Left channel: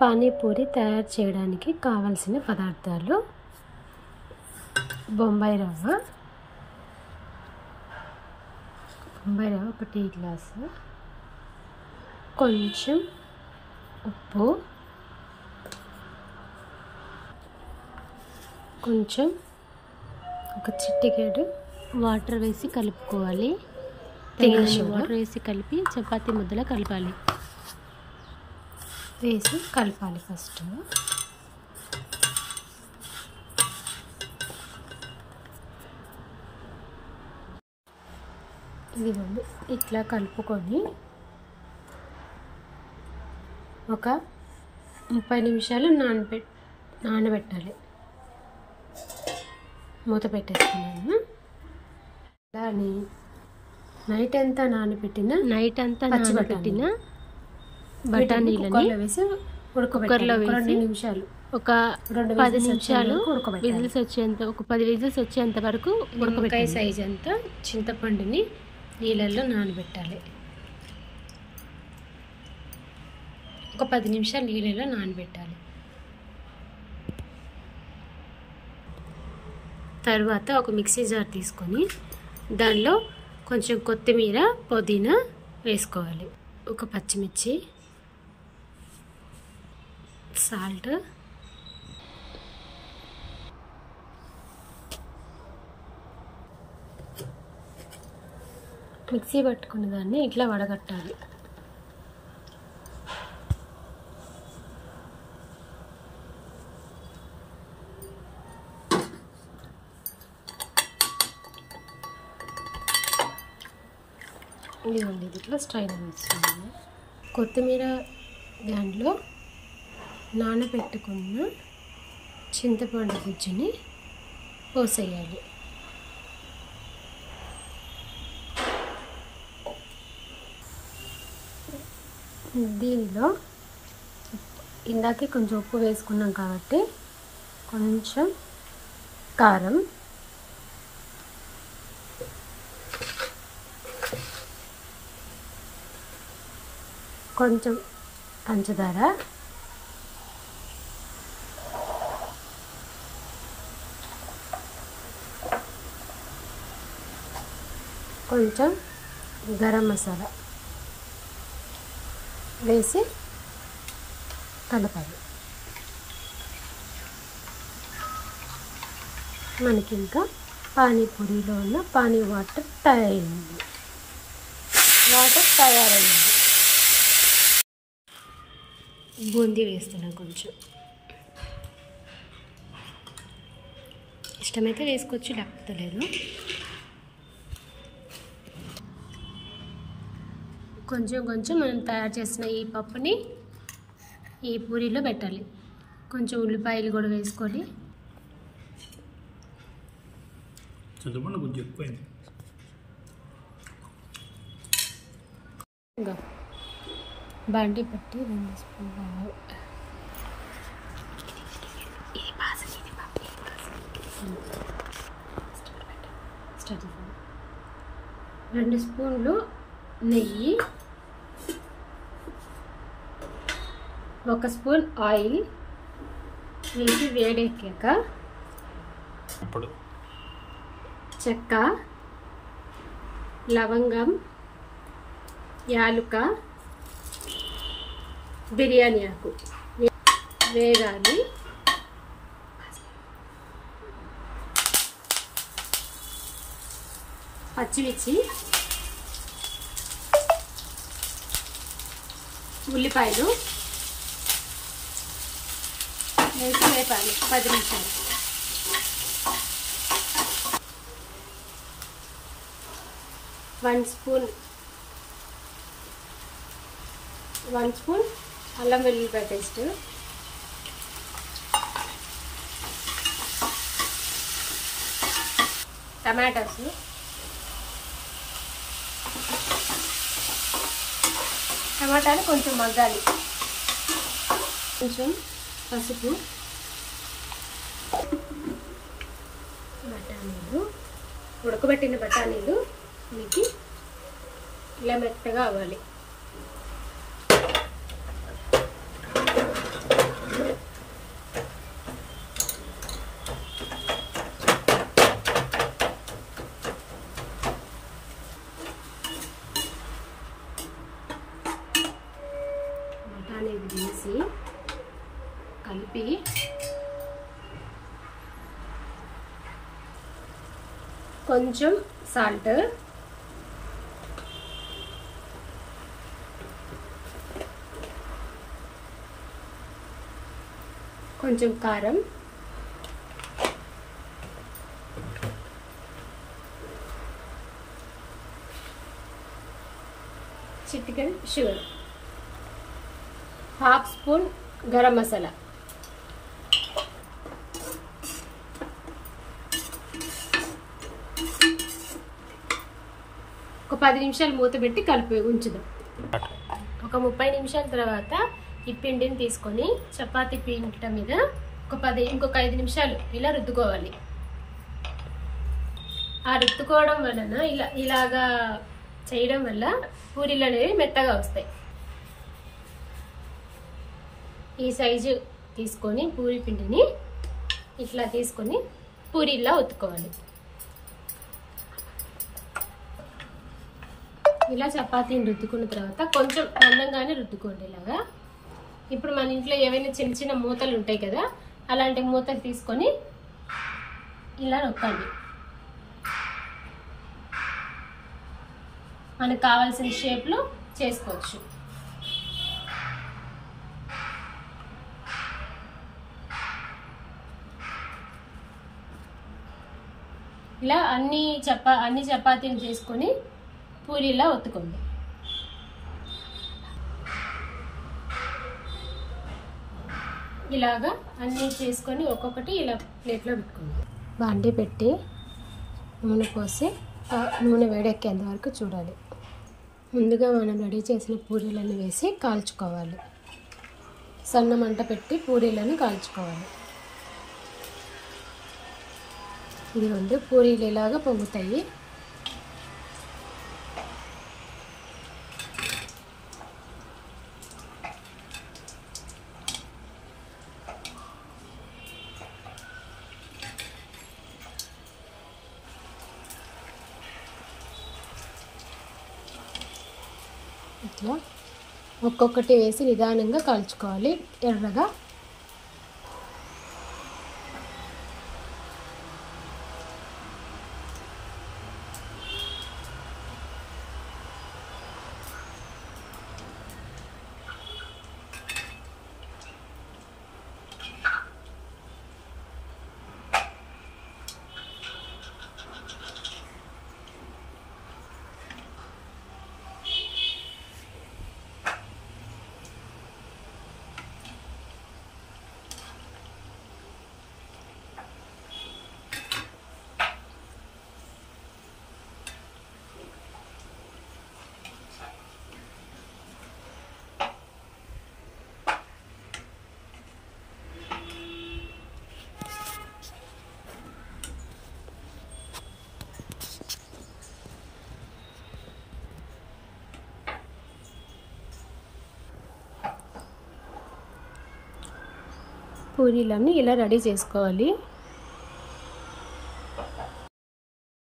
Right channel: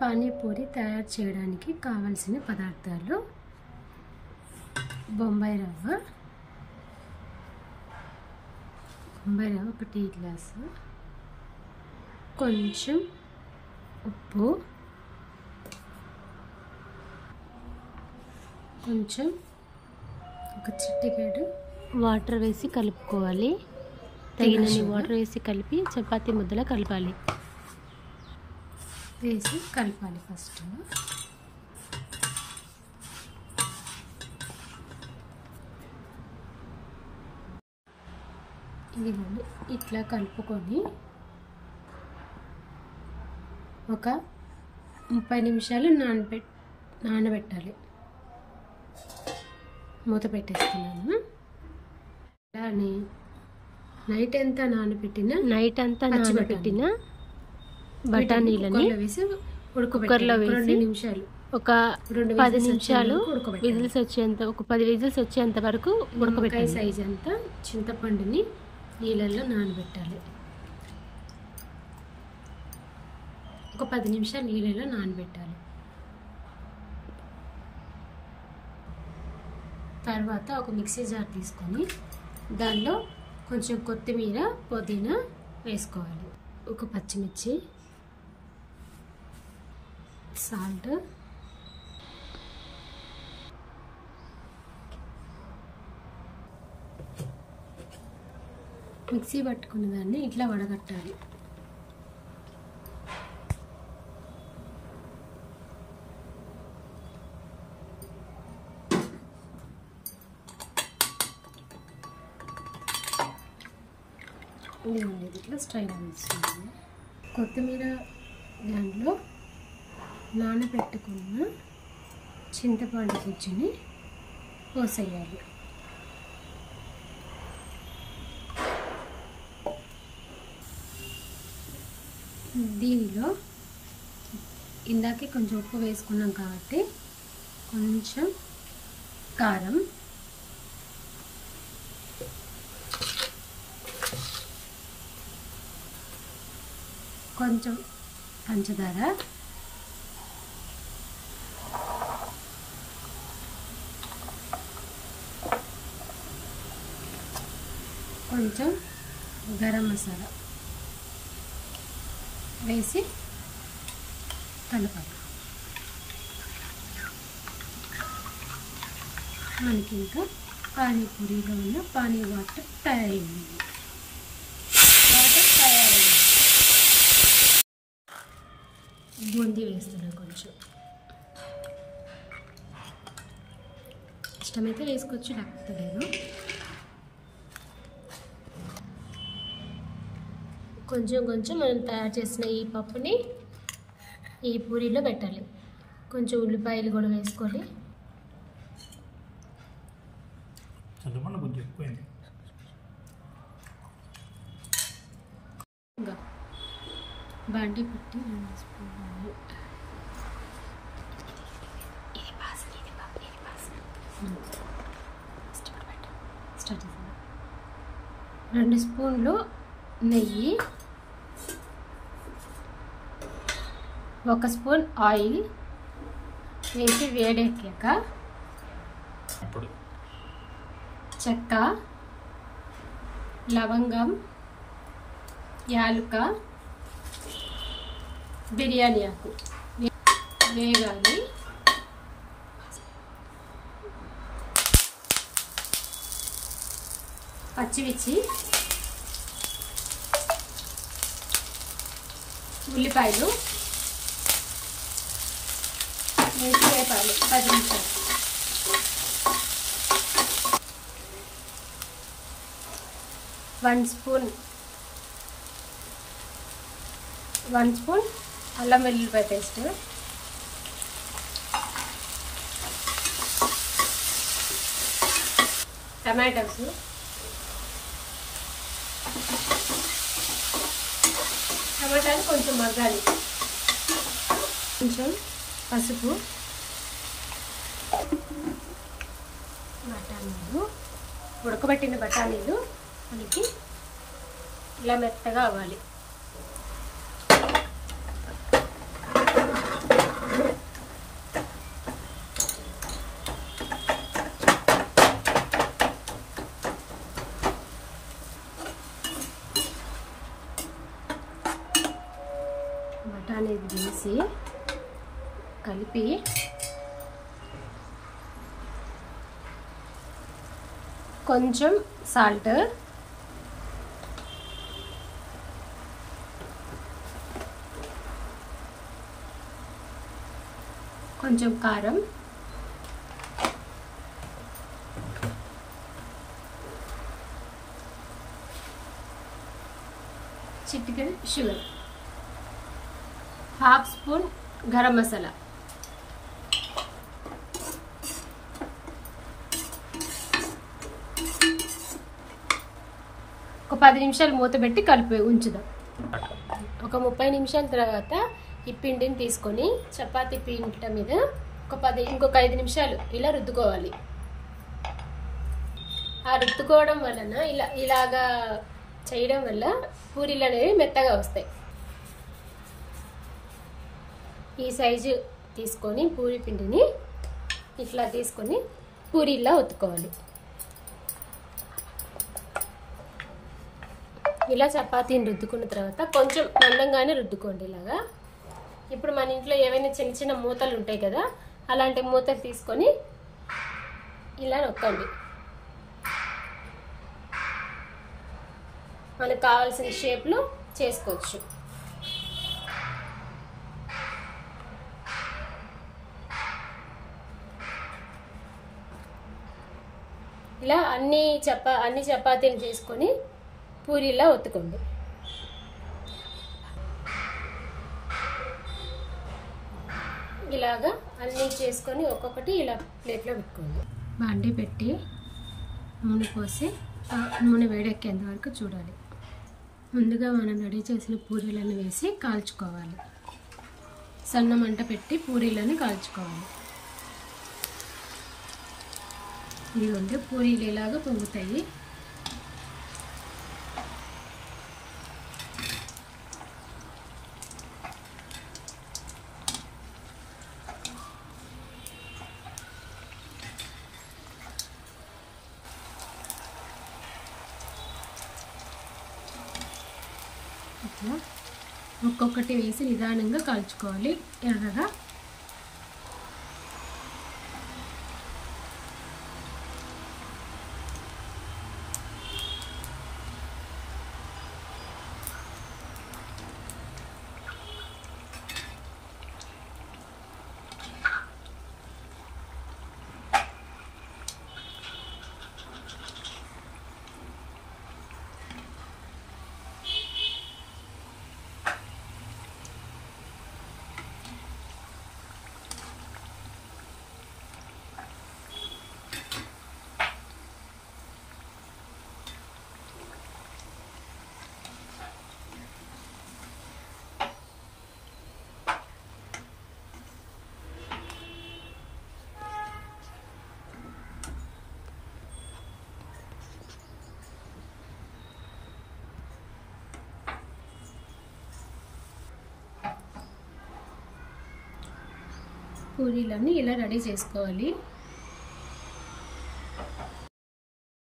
పానీపూరి తయారు చేయడానికి కావలసిన పదార్థాలు: బొంబాయి రవ్వ 1 టీ గ్లాసు, కొంచెం ఉప్పు, కొంచెం ఒక చిటికెడు వాటర్ వేసి కలుపుకోవాలి. తగినన్ని వాటర్ వేసి కలిపి చపాతీ ముద్దలా కలపాలి. వేసి కలపాలి. ఫస్ట్ ఇదిగోండి ఇట్లా కలుపుకొని ఒక 30 నిమిషాలు నానబెట్టాలి. మూత పెట్టేస్తున్నాను. అలానే నైట్ అంతా నానబెట్టిన బఠానీలని కుక్కర్లో వేసి 2 నిమిషాలు ఒక 10 నిమిషాలు విజిల్స్ వచ్చేంత ఒక 10 విజిల్స్ వచ్చేంత వరకు ఉడకబెట్టాలి. సైజ్ అంతా చింతపండుని నీళ్ళల్లో నానబెట్టాలి. ఒక 10 నిమిషాలు నీళ్ళల్లో నానబెట్టాలి. తర్వాత ఒక మిక్సీ జార్ తీసుకొని దానిలో కొంచెం కొత్తిమీర, పుదీనా వేసుకోవాలి. ఒక పచ్చిమిర్చి, సాల్ట్, మిక్సీ పట్టుకున్న దాన్ని ఇట్లా వడగట్టాలి. ఇదిగోండి ఇట్లా స్ట్రైన్ వస్తుంది. కొత్తిమీర దాంట్లో నానబెట్టుకున్న చింతపండు గుజ్జుని పోసేయాలి. దీనిలో ఇందాకే కొంచెం ఉప్పు వేసుకున్నాం కాబట్టి కొంచెం కారం, కొంచెం పంచదార, కొంచెం గరం మసాలా వేసి కలపాలి. మనకి ఇంకా పానీపూరిలో ఉన్న పానీ వాటర్ తయారైంది. బూందీ వేస్తున్నాను. కొంచెం ఇష్టమైతే వేసుకోవచ్చు, లేకపోతే లేదు. కొంచెం మనం తయారు చేసిన ఈ పప్పుని ఈ పూరీలో పెట్టాలి. కొంచెం ఉల్లిపాయలు కూడా వేసుకొని బండి పట్టి 2 స్పూన్లు రెండు స్పూన్లు నెయ్యి, 1 స్పూన్ ఆయిల్ వేసి వేడెక్కాక చెక్క, లవంగం, యాలుక, బిర్యానీ ఆకు వేగాలి. పచ్చిమిర్చి, ఉల్లిపాయలు వేసి వేపాలి 10 నిమిషాలు. వన్ స్పూన్ అల్లం వెల్లుల్లిపాయ పేస్ట్, టమాటాస్, టమాటాలు కొంచెం మగ్గాలి. కొంచెం పసుపు, బఠానీలు, ఉడకబెట్టిన బఠానీలు మనకి ఇలా మెత్తగా అవ్వాలి. బఠానీలు వేసి కలిపి కొంచెం సాల్ట్, కొంచెం కారం, చిటికెడు sugar, half spoon garam masala, ఒక 10 నిమిషాలు మూత పెట్టి కలిపి ఉంచుదాం. ఒక 30 నిమిషాల తర్వాత ఈ పిండిని తీసుకొని చపాతీ పిండి మీద ఇంకొక 5 నిమిషాలు ఇలా రుద్దుకోవాలి. ఆ రుద్దుకోవడం వలన ఇలాగా చేయడం వల్ల పూరీలు అనేవి మెత్తగా వస్తాయి. ఈ సైజు తీసుకొని పూరీ పిండిని ఇట్లా తీసుకొని పూరీలా ఒత్తుకోవాలి. ఇలా చపాతీని రుద్దుకున్న తర్వాత కొంచెం మందంగానే రుద్దుకోండి ఇలాగా. ఇప్పుడు మన ఇంట్లో ఏవైనా చిన్న చిన్న మూతలు ఉంటాయి కదా, అలాంటి మూతలు తీసుకొని ఇలా నొక్కండి. మనకు కావాల్సిన షేప్లో చేసుకోవచ్చు. ఇలా అన్ని చపాతీలు చేసుకొని పూరీలా ఒత్తుకోండి. ఇలాగా అన్నీ చేసుకొని ఒక్కొక్కటి ఇలా ప్లేట్లో పెట్టుకోండి. బాండీ పెట్టి నూనె పోసి నూనె వేడెక్కేంత వరకు చూడాలి. ముందుగా మనం రెడీ చేసిన పూరీలను వేసి కాల్చుకోవాలి. సన్న మంట పెట్టి పూరీలను కాల్చుకోవాలి. ఇదిగోండి పూరీలు ఇలాగా పొంగుతాయి. ఇట్లా ఒక్కొక్కటి వేసి నిదానంగా కాల్చుకోవాలి ఎర్రగా. పూరీలన్నీ ఇలా రెడీ చేసుకోవాలి.